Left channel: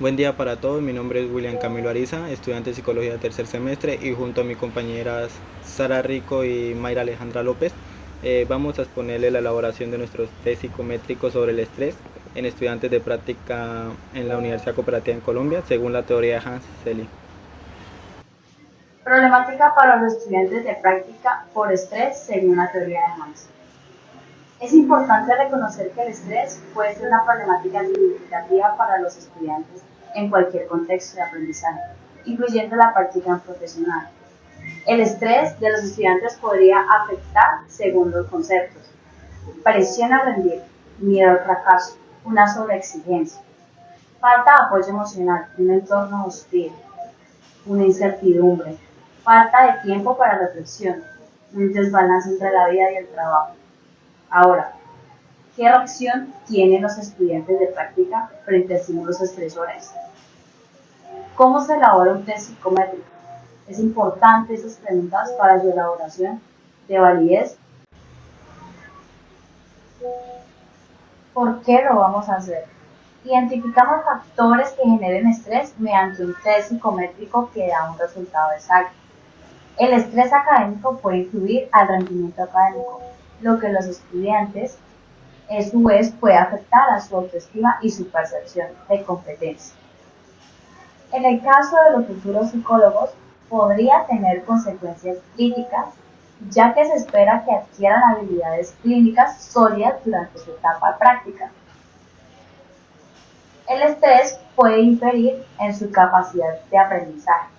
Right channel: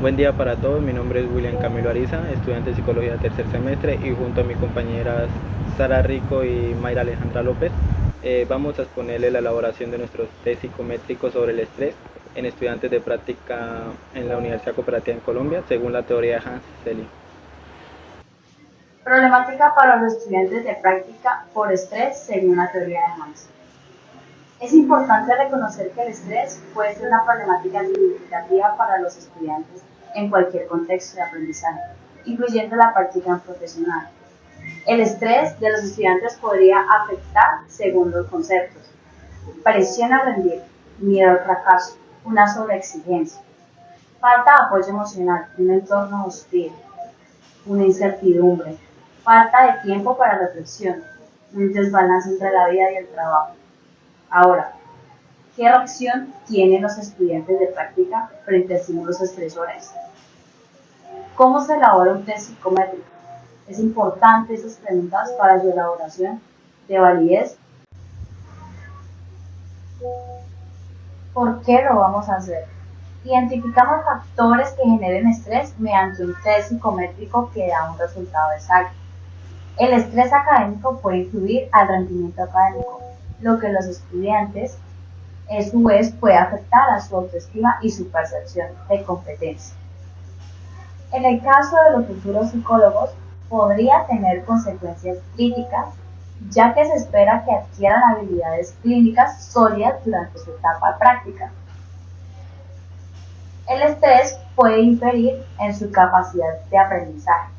Buen día para todos, mi nombre es William Camilo Ariza, estudiante de Psicología de tercer semestre y junto a mis compañeras Sara Rico y Mayra Alejandra López vamos a exponerle la elaboración de nuestros test psicométricos sobre el estrés en estudiantes de práctica en la Universidad Cooperativa en Colombia según la teoría de Hans Selye. Problemática para los estudiantes de práctica por estrés según la teoría de Hans. Es importante reconocer que el estrés puede ser una problemática significativa para los estudiantes en cualquier contexto de aprendizaje, incluyendo la práctica profesional. El estrés de los estudiantes podría afectar según los conceptos: presión a rendir, miedo al fracaso, una sobreexigencia, falta de apoyo emocional, un entorno hostil, una incertidumbre, falta de tiempo para reflexión, un desbalance entre la vida y el trabajo. Ahora, ¿qué reacción tienen los estudiantes de práctica frente a estímulos estresores? ¿Cómo se elabora un test psicométrico? Es importante esas preguntas para su elaboración de validez. ¿Por qué lo vamos a hacer? Identificamos factores que generen estrés mediante un test psicométrico que da un resultado exacto. El estrés académico puede influir al rendimiento académico, lo que los estudiantes a su vez puede afectar a su autoestima y su percepción de competencia. En el caso de los futuros psicólogos, podría tener consecuencias críticas, ya que se espera que adquieran habilidades clínicas sólidas durante su etapa práctica. El estrés puede inferir en su capacidad de aprendizaje.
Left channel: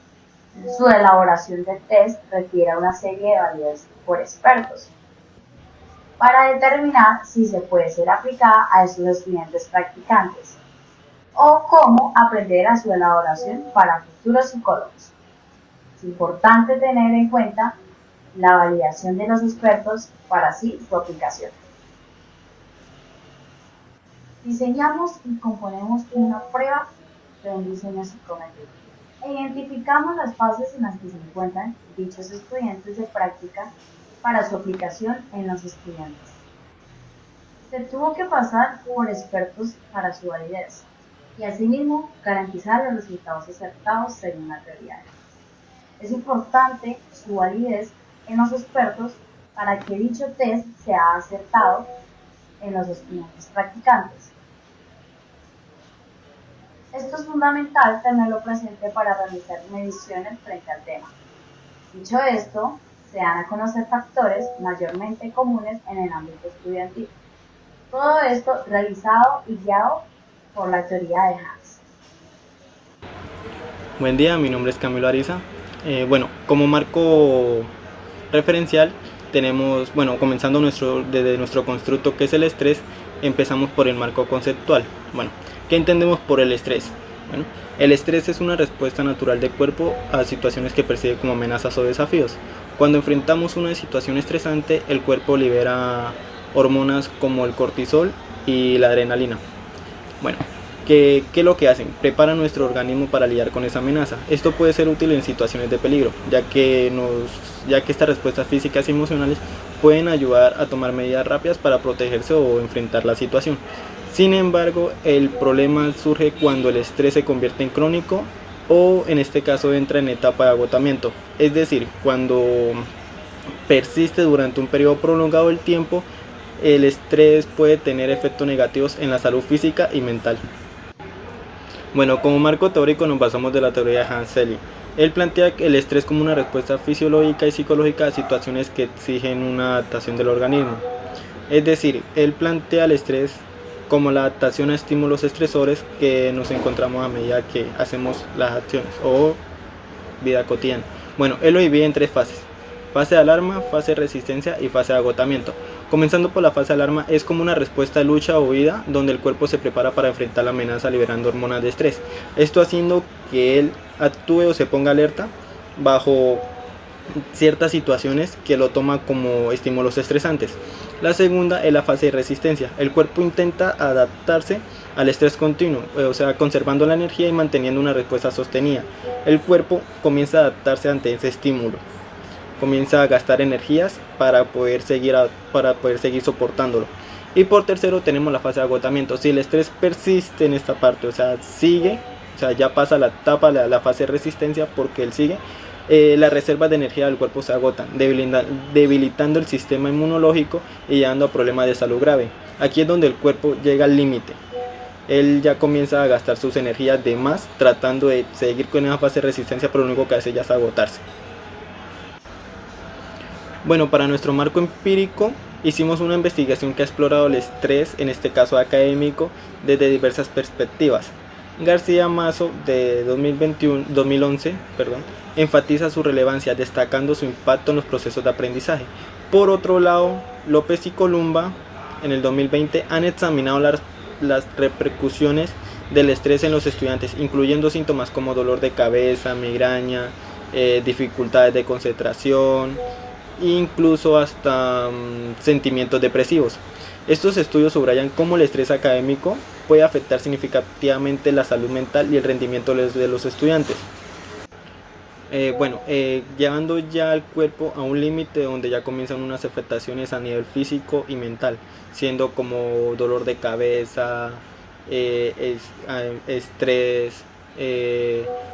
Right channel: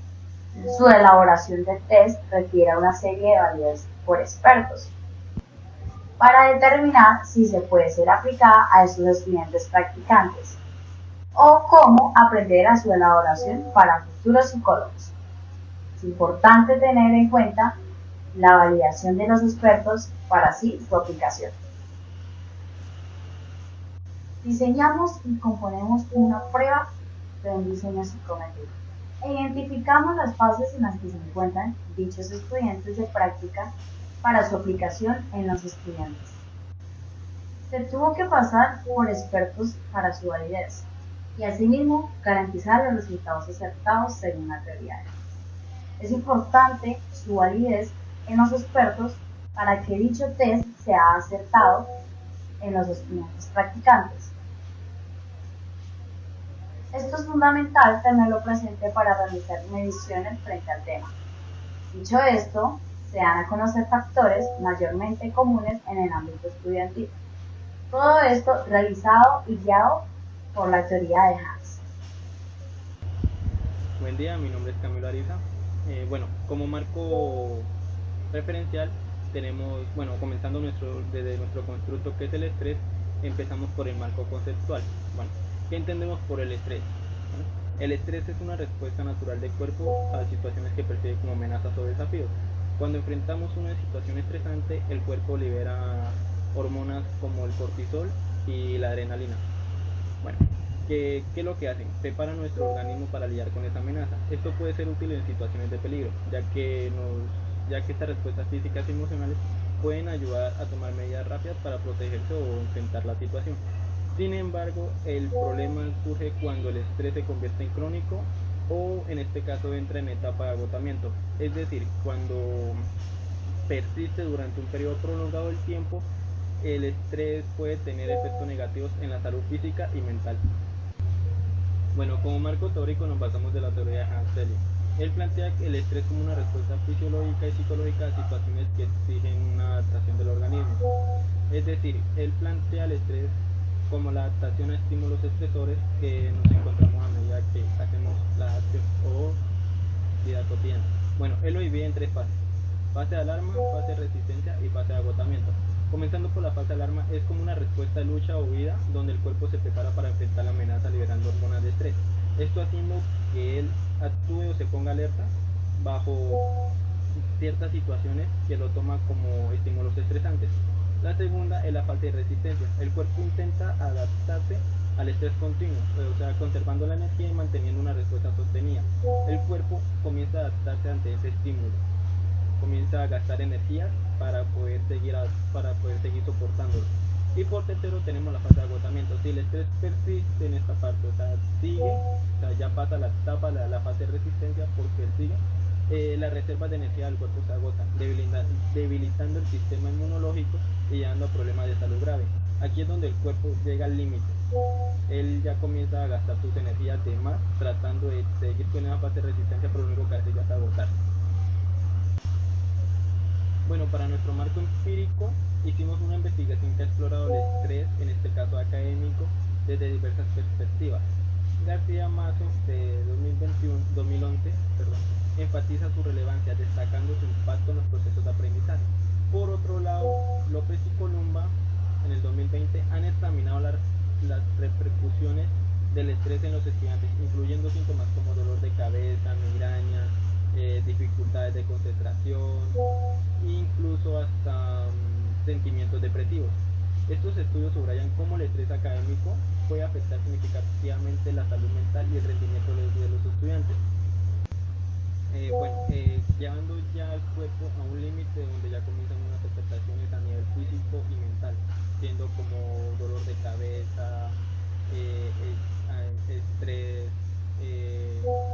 Su elaboración de test requiere una serie de validez por expertos para determinar si se puede ser aplicada a esos estudiantes practicantes o cómo aprender a su elaboración para futuros psicólogos. Es importante tener en cuenta la validación de los expertos para así su aplicación. Diseñamos y componemos una prueba de un diseño psicométrico. Identificamos las fases en las que se encuentran dichos estudiantes de práctica para su aplicación en los estudiantes. Se tuvo que pasar por expertos para su validez y asimismo garantizar los resultados acertados según la teoría. Es importante su validez en los expertos para que dicho test sea acertado en los estudiantes practicantes. Esto es fundamental tenerlo presente para realizar mediciones frente al tema. Dicho esto, se dan a conocer factores mayormente comunes en el ámbito estudiantil. Todo esto realizado y guiado por la teoría de Hans. Buen día, mi nombre es Camilo Ariza. Como marco referencial tenemos, comenzando desde nuestro constructo que es el estrés, empezamos por el marco conceptual. ¿Qué entendemos por el estrés? El estrés es una respuesta natural del cuerpo a situaciones que percibe como amenazas o desafíos. Cuando enfrentamos una situación estresante, el cuerpo libera hormonas como el cortisol y la adrenalina. ¿Qué es lo que hacen? Preparan nuestro organismo para lidiar con esa amenaza. Esto puede ser útil en situaciones de peligro, ya que estas respuestas físicas y emocionales pueden ayudar a tomar medidas rápidas para protegerse o enfrentar la situación. Sin embargo, el problema surge cuando el estrés se convierte en crónico o en este caso entra en etapa de agotamiento, es decir, cuando persiste durante un periodo prolongado del tiempo. El estrés puede tener efectos negativos en la salud física y mental. Como marco teórico nos basamos de la teoría de Hans Selye. Él plantea el estrés como una respuesta fisiológica y psicológica a situaciones que exigen una adaptación del organismo. Es decir, él plantea el estrés como la adaptación a estímulos estresores que nos encontramos a medida que hacemos las acciones o vida cotidiana. Él lo divide en tres fases: fase de alarma, fase de resistencia y fase de agotamiento. Comenzando por la fase de alarma, es como una respuesta de lucha o huida donde el cuerpo se prepara para enfrentar la amenaza liberando hormonas de estrés. Esto haciendo que él actúe o se ponga alerta bajo ciertas situaciones que lo toma como estímulos estresantes. La segunda es la fase de resistencia. El cuerpo intenta adaptarse al estrés continuo, o sea, conservando la energía y manteniendo una respuesta sostenida. El cuerpo comienza a adaptarse ante ese estímulo, comienza a gastar energías para poder seguir soportándolo. Y por tercero tenemos la fase de agotamiento. Si el estrés persiste en esta parte, o sea, sigue o sea, ya pasa la etapa, la fase de resistencia, porque él sigue, las reservas de energía del cuerpo se agotan, debilitando el sistema inmunológico y llevando a problemas de salud grave. Aquí es donde el cuerpo llega al límite. Él ya comienza a gastar sus energías de más tratando de seguir con esa fase de resistencia, pero lo único que hace ya es agotarse. Bueno, para nuestro marco empírico hicimos una investigación que ha explorado el estrés, en este caso académico, desde diversas perspectivas. García Mazo, de 2011, enfatiza su relevancia, destacando su impacto en los procesos de aprendizaje. Por otro lado, López y Columba, en el 2020, han examinado las repercusiones del estrés en los estudiantes, incluyendo síntomas como dolor de cabeza, migraña, dificultades de concentración, incluso hasta sentimientos depresivos. Estos estudios subrayan cómo el estrés académico puede afectar significativamente la salud mental y el rendimiento de los estudiantes. Llevando ya al cuerpo a un límite donde ya comienzan unas afectaciones a nivel físico y mental, siendo como dolor de cabeza, estrés,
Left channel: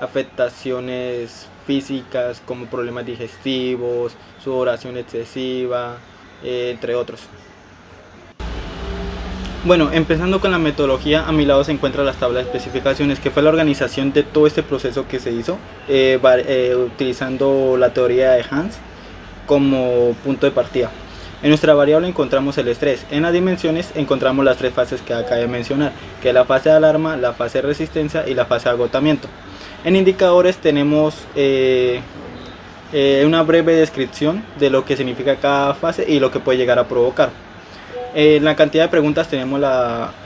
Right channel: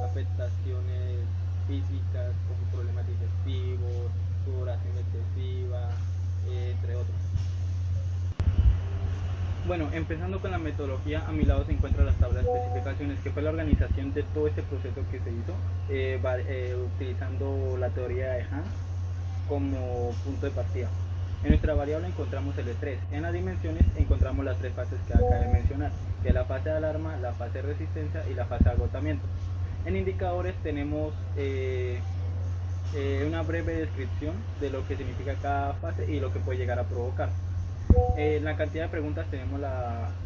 afectaciones físicas como problemas digestivos, sudoración excesiva, entre otros. Bueno, empezando con la metodología, a mi lado se encuentra las tablas de especificaciones, que fue la organización de todo este proceso que se hizo, utilizando la teoría de Hans como punto de partida. En nuestra variable encontramos el estrés. En las dimensiones encontramos las tres fases que acabo de mencionar, que es la fase de alarma, la fase de resistencia y la fase de agotamiento. En indicadores tenemos una breve descripción de lo que significa cada fase y lo que puede llegar a provocar. En la cantidad de preguntas tenemos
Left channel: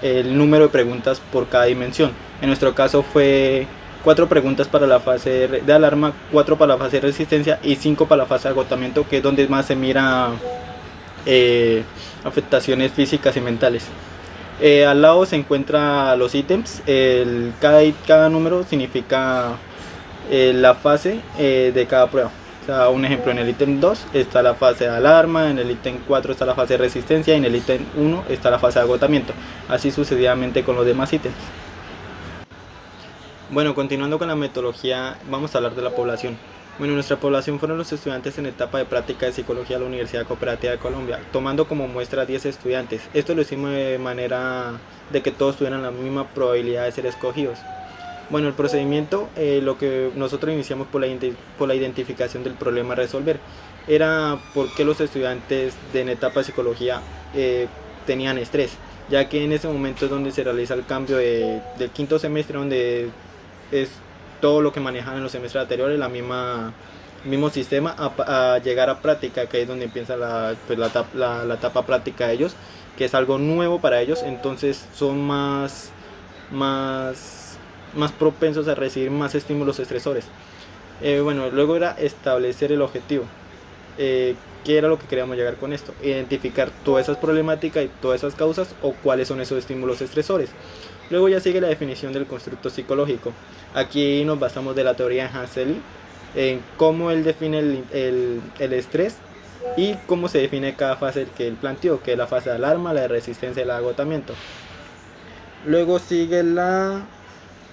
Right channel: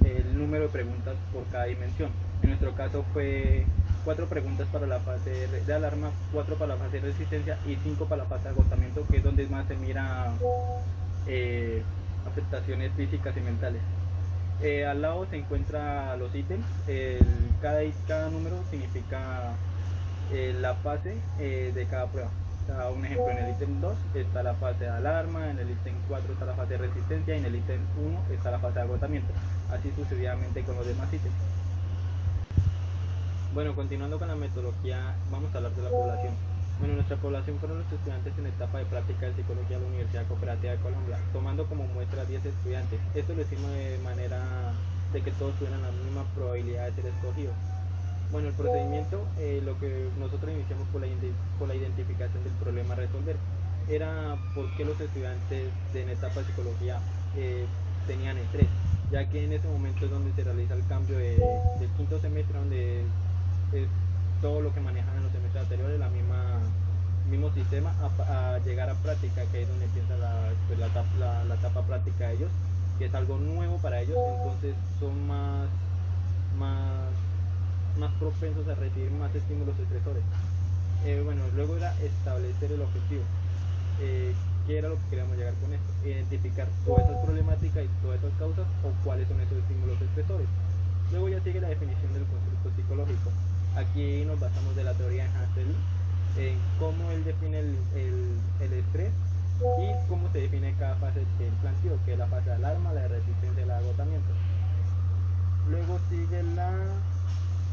el número de preguntas por cada dimensión. En nuestro caso fue 4 preguntas para la fase de alarma, 4 para la fase de resistencia y 5 para la fase de agotamiento, que es donde más se mira afectaciones físicas y mentales. Al lado se encuentran los ítems. Cada número significa la fase de cada prueba. O sea, un ejemplo, en el ítem 2 está la fase de alarma, en el ítem 4 está la fase de resistencia y en el ítem 1 está la fase de agotamiento. Así sucesivamente con los demás ítems. Bueno, continuando con la metodología, vamos a hablar de la población. Bueno, nuestra población fueron los estudiantes en etapa de práctica de psicología de la Universidad Cooperativa de Colombia, tomando como muestra 10 estudiantes. Esto lo hicimos de manera de que todos tuvieran la misma probabilidad de ser escogidos. Bueno, el procedimiento, lo que nosotros iniciamos por la identificación del problema a resolver, era por qué los estudiantes en etapa de psicología tenían estrés, ya que en ese momento es donde se realiza el cambio del quinto semestre, donde es todo lo que manejan en los semestres anteriores, mismo sistema, a llegar a práctica, que es donde empieza la etapa práctica de ellos, que es algo nuevo para ellos. Entonces son más propensos a recibir más estímulos estresores. Luego era establecer el objetivo. ¿Qué era lo que queríamos llegar con esto? Identificar todas esas problemáticas y todas esas causas, o cuáles son esos estímulos estresores. Luego ya sigue la definición del constructo psicológico. Aquí nos basamos de la teoría de Hansel, en cómo él define el estrés y cómo se define cada fase que él planteó, que es la fase de alarma, la de resistencia y el agotamiento. Luego sigue la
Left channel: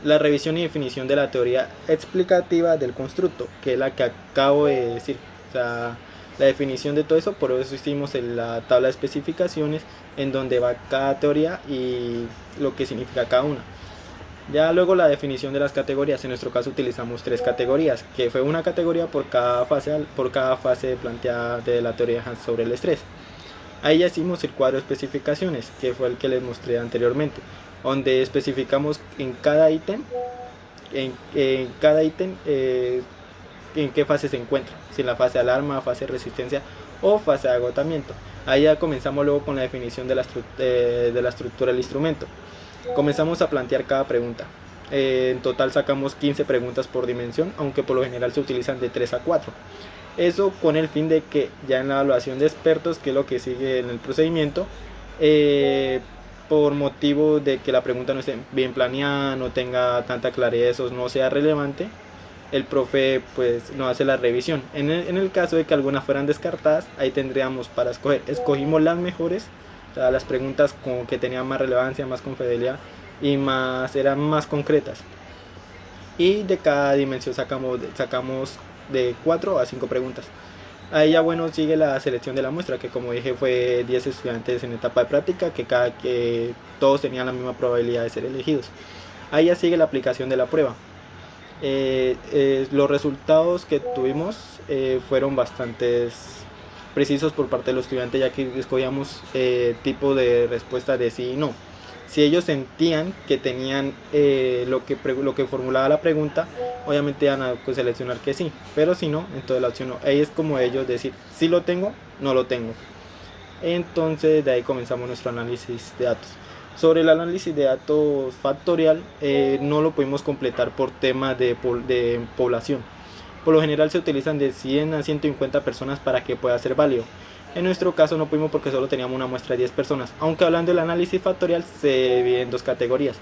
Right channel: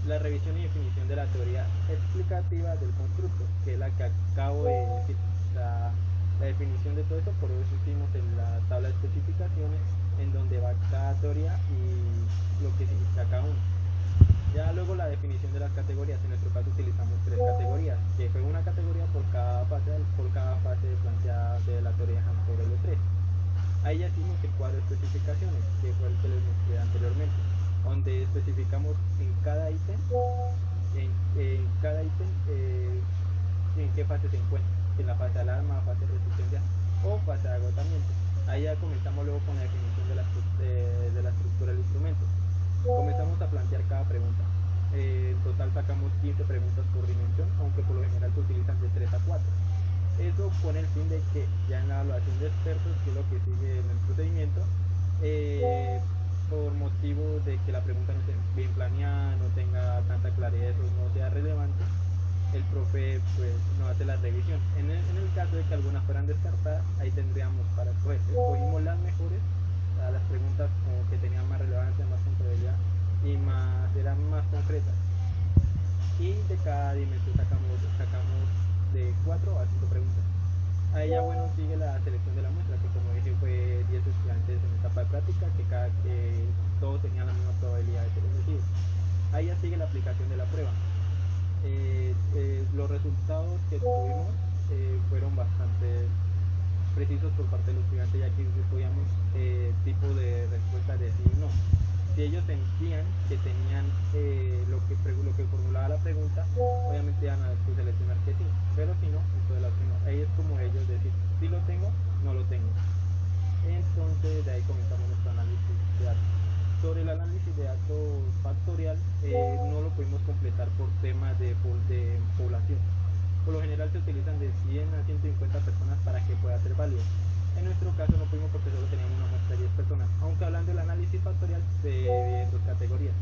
revisión y definición de la teoría explicativa del constructo, que es la que acabo de decir. O sea, la definición de todo eso, por eso hicimos en la tabla de especificaciones, en donde va cada teoría y lo que significa cada una. Ya luego la definición de las categorías. En nuestro caso utilizamos 3 categorías, que fue una categoría por cada fase planteada de la teoría sobre el estrés. Ahí ya hicimos el cuadro de especificaciones, que fue el que les mostré anteriormente, donde especificamos en cada ítem en qué fase se encuentra, si en la fase de alarma, fase de resistencia o fase de agotamiento. Ahí ya comenzamos luego con la definición de la estructura del instrumento. Comenzamos a plantear cada pregunta. En total sacamos 15 preguntas por dimensión, aunque por lo general se utilizan de 3 a 4. Eso con el fin de que ya en la evaluación de expertos, que es lo que sigue en el procedimiento, por motivo de que la pregunta no esté bien planeada, no tenga tanta claridad, o no sea relevante, el profe pues no hace la revisión. En el caso de que algunas fueran descartadas, ahí tendríamos para escoger. Escogimos las mejores, o sea, las preguntas que tenían más relevancia, más confidencialidad y eran más concretas. y de cada dimensión sacamos de 4 a 5 preguntas. Ahí ya bueno sigue la selección de la muestra, que como dije fue 10 estudiantes en etapa de práctica, que todos tenían la misma probabilidad de ser elegidos. Ahí ya sigue la aplicación de la prueba. Los resultados que tuvimos fueron bastante precisos por parte de los estudiantes, ya que escogíamos tipo de respuesta de sí y no. Si ellos sentían que tenían lo que formulaba la pregunta, obviamente iban a pues, seleccionar que sí, pero si no, entonces la opción no. Ahí es como ellos decir, si lo tengo, no lo tengo. Entonces de ahí comenzamos nuestro análisis de datos. Sobre el análisis de datos factorial, no lo pudimos completar por tema de población. Por lo general se utilizan de 100 a 150 personas para que pueda ser válido. En nuestro caso no pudimos porque solo teníamos una muestra de 10 personas, aunque hablando del análisis factorial se divide en dos categorías.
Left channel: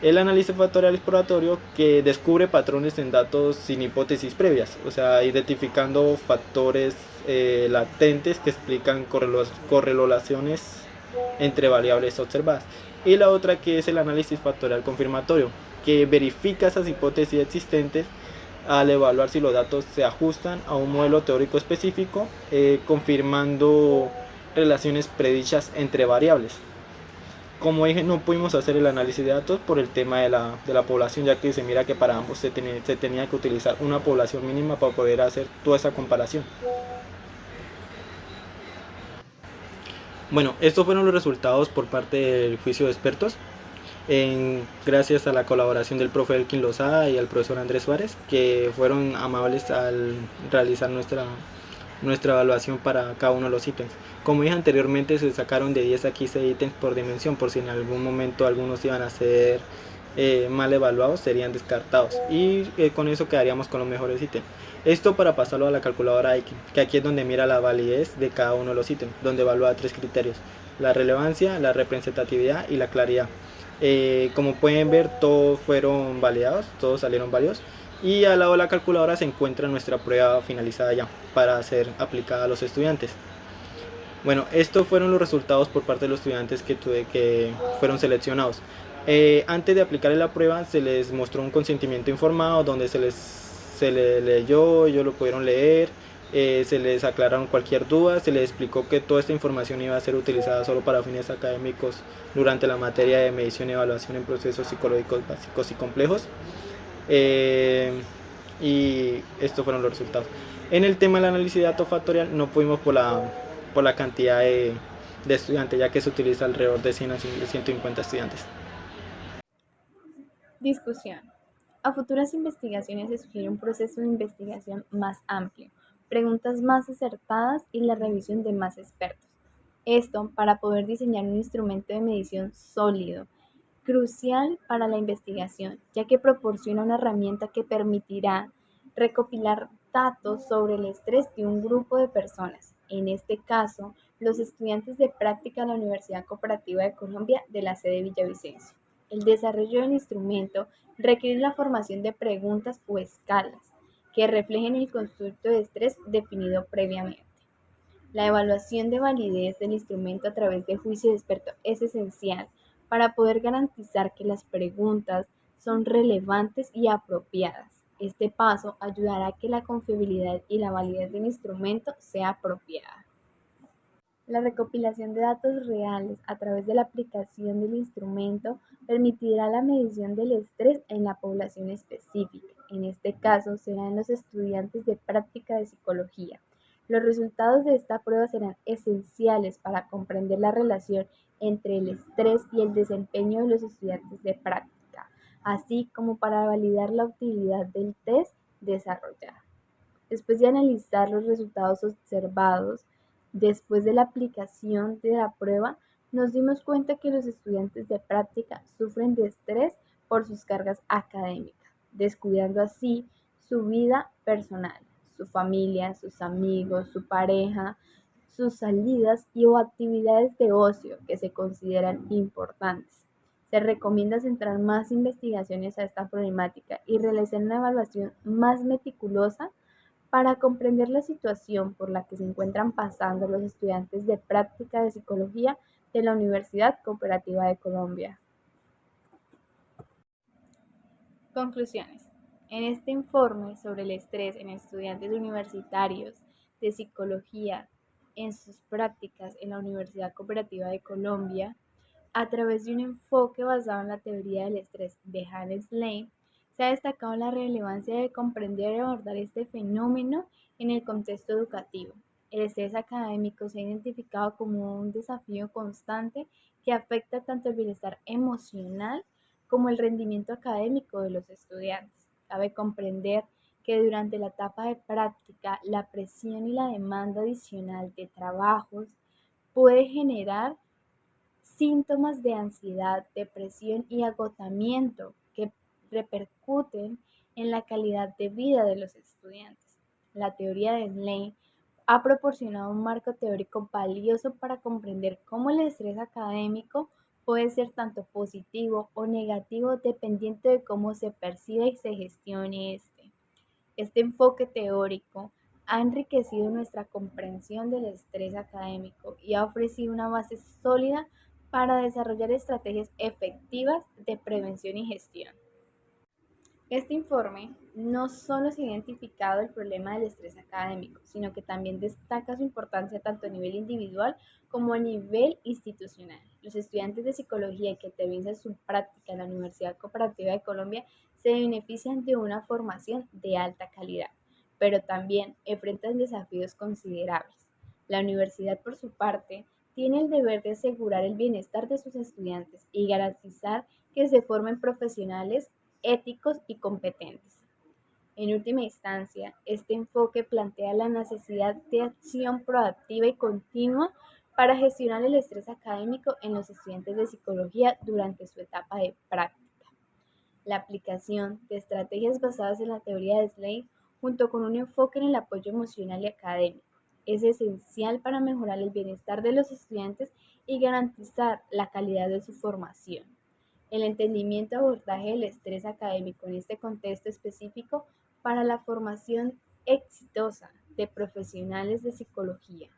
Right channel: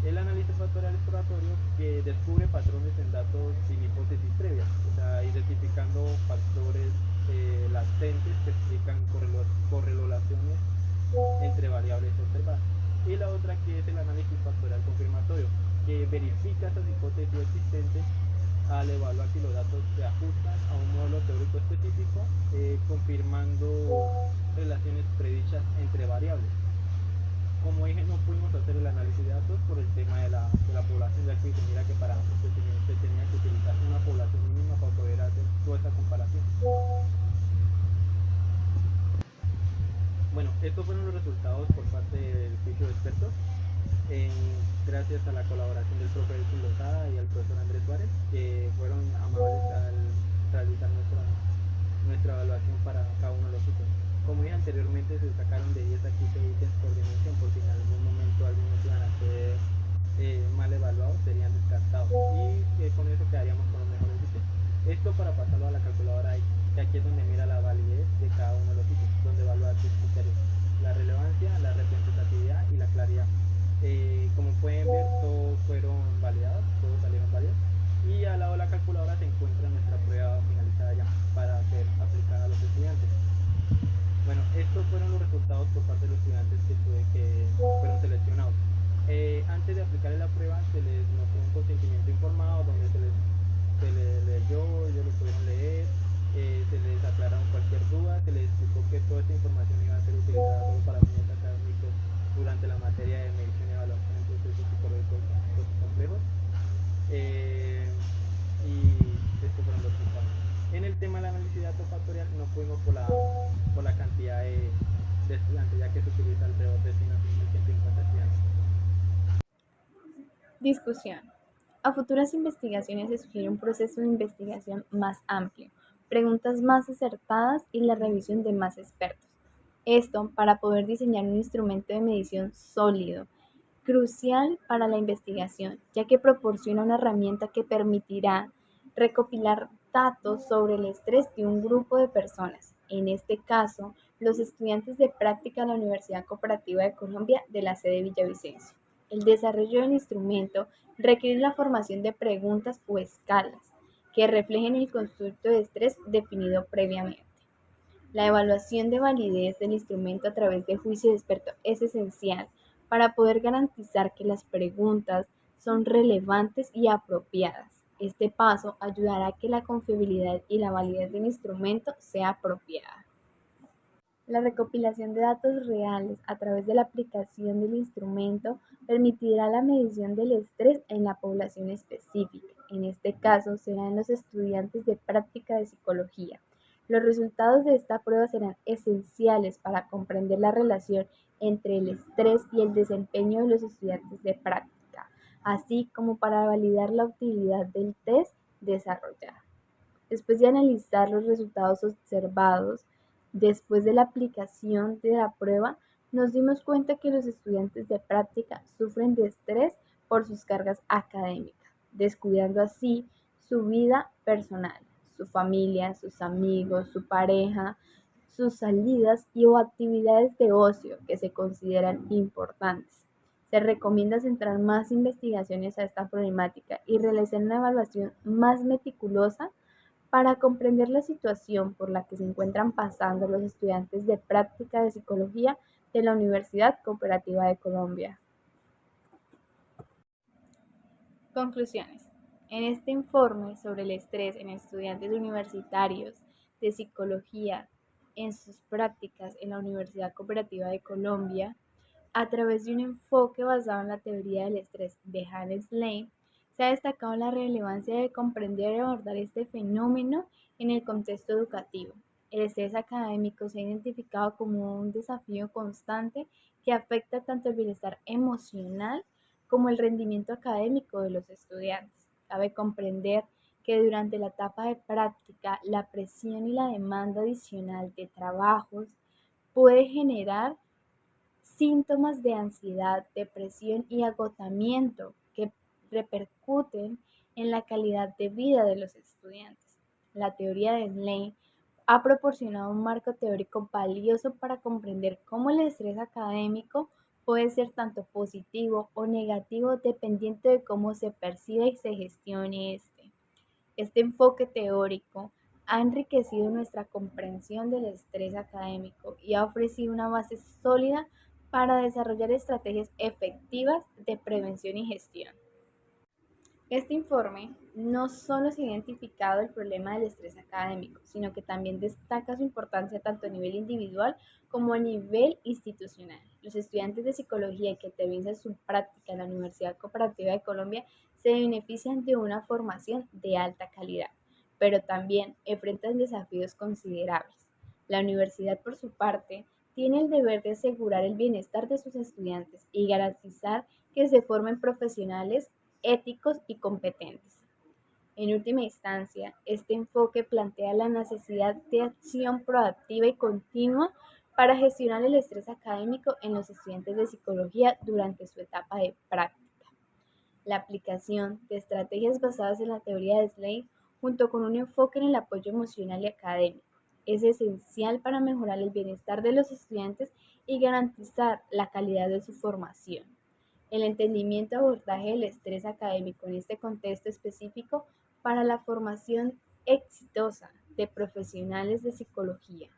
El análisis factorial exploratorio, que descubre patrones en datos sin hipótesis previas, o sea, identificando factores latentes que explican correlaciones entre variables observadas. Y la otra que es el análisis factorial confirmatorio, que verifica esas hipótesis existentes al evaluar si los datos se ajustan a un modelo teórico específico, confirmando relaciones predichas entre variables. Como dije, no pudimos hacer el análisis de datos por el tema de la población, ya que se mira que para ambos se tenía que utilizar una población mínima para poder hacer toda esa comparación. Bueno, estos fueron los resultados por parte del juicio de expertos, gracias a la colaboración del profe Elkin Lozada y al profesor Andrés Suárez, que fueron amables al realizar nuestra evaluación para cada uno de los ítems. Como dije anteriormente, se sacaron de 10 a 15 ítems por dimensión, por si en algún momento algunos iban a ser mal evaluados, serían descartados y con eso quedaríamos con los mejores ítems. Esto para pasarlo a la calculadora X, que aquí es donde mira la validez de cada uno de los ítems, donde evalúa 3 criterios: la relevancia, la representatividad y la claridad. Como pueden ver, todos fueron validados, todos salieron válidos. Y al lado de la calculadora se encuentra nuestra prueba finalizada ya para ser aplicada a los estudiantes. Bueno, estos fueron los resultados por parte de los estudiantes que fueron seleccionados. Antes de aplicar la prueba se les mostró un consentimiento informado donde se les leyó, ellos lo pudieron leer, se les aclararon cualquier duda, se les explicó que toda esta información iba a ser utilizada solo para fines académicos durante la materia de medición y evaluación en procesos psicológicos básicos y complejos. Y estos fueron los resultados. En el tema del análisis de datos factorial no pudimos por la cantidad de estudiantes, ya que se utiliza alrededor de 100 a 150 estudiantes. Discusión. A futuras investigaciones se sugiere un proceso de investigación más amplio, preguntas más acertadas y la revisión de más expertos. Esto para poder diseñar un instrumento de medición sólido, crucial para la investigación, ya que proporciona una herramienta que permitirá recopilar datos sobre el estrés de un grupo de personas, en este caso, los estudiantes de práctica de la Universidad Cooperativa de Colombia de la sede Villavicencio. El desarrollo del instrumento requiere la formación de preguntas o escalas que reflejen el constructo de estrés definido previamente. La evaluación de validez del instrumento a través de juicio de experto es esencial para poder garantizar que las preguntas son relevantes y apropiadas. Este paso ayudará a que la confiabilidad y la validez del instrumento sea apropiada. La recopilación de datos reales a través de la aplicación del instrumento permitirá la medición del estrés en la población específica. En este caso, serán los estudiantes de práctica de psicología. Los resultados de esta prueba serán esenciales para comprender la relación entre el estrés y el desempeño de los estudiantes de práctica, así como para validar la utilidad del test desarrollado. Después de analizar los resultados observados, después de la aplicación de la prueba, nos dimos cuenta que los estudiantes de práctica sufren de estrés por sus cargas académicas, descuidando así su vida personal, su familia, sus amigos, su pareja, sus salidas y o actividades de ocio que se consideran importantes. Se recomienda centrar más investigaciones a esta problemática y realizar una evaluación más meticulosa para comprender la situación por la que se encuentran pasando los estudiantes de práctica de psicología de la Universidad Cooperativa de Colombia. Conclusiones. En este informe sobre el estrés en estudiantes universitarios de psicología en sus prácticas en la Universidad Cooperativa de Colombia, a través de un enfoque basado en la teoría del estrés de Hannes Lane, se ha destacado la relevancia de comprender y abordar este fenómeno en el contexto educativo. El estrés académico se ha identificado como un desafío constante que afecta tanto el bienestar emocional como el rendimiento académico de los estudiantes. Cabe comprender que durante la etapa de práctica, la presión y la demanda adicional de trabajos puede generar síntomas de ansiedad, depresión y agotamiento que repercuten en la calidad de vida de los estudiantes. La teoría de Slane ha proporcionado un marco teórico valioso para comprender cómo el estrés académico puede ser tanto positivo o negativo dependiendo de cómo se percibe y se gestione este. Este enfoque teórico ha enriquecido nuestra comprensión del estrés académico y ha ofrecido una base sólida para desarrollar estrategias efectivas de prevención y gestión. Este informe no solo se ha identificado el problema del estrés académico, sino que también destaca su importancia tanto a nivel individual como a nivel institucional. Los estudiantes de psicología que aterrizan su práctica en la Universidad Cooperativa de Colombia se benefician de una formación de alta calidad, pero también enfrentan desafíos considerables. La universidad, por su parte, tiene el deber de asegurar el bienestar de sus estudiantes y garantizar que se formen profesionales éticos y competentes. En última instancia, este enfoque plantea la necesidad de acción proactiva y continua para gestionar el estrés académico en los estudiantes de psicología durante su etapa de práctica. La aplicación de estrategias basadas en la teoría de Slade, junto con un enfoque en el apoyo emocional y académico, es esencial para mejorar el bienestar de los estudiantes y garantizar la calidad de su formación. El entendimiento y abordaje del estrés académico en este contexto específico para la formación exitosa de profesionales de psicología.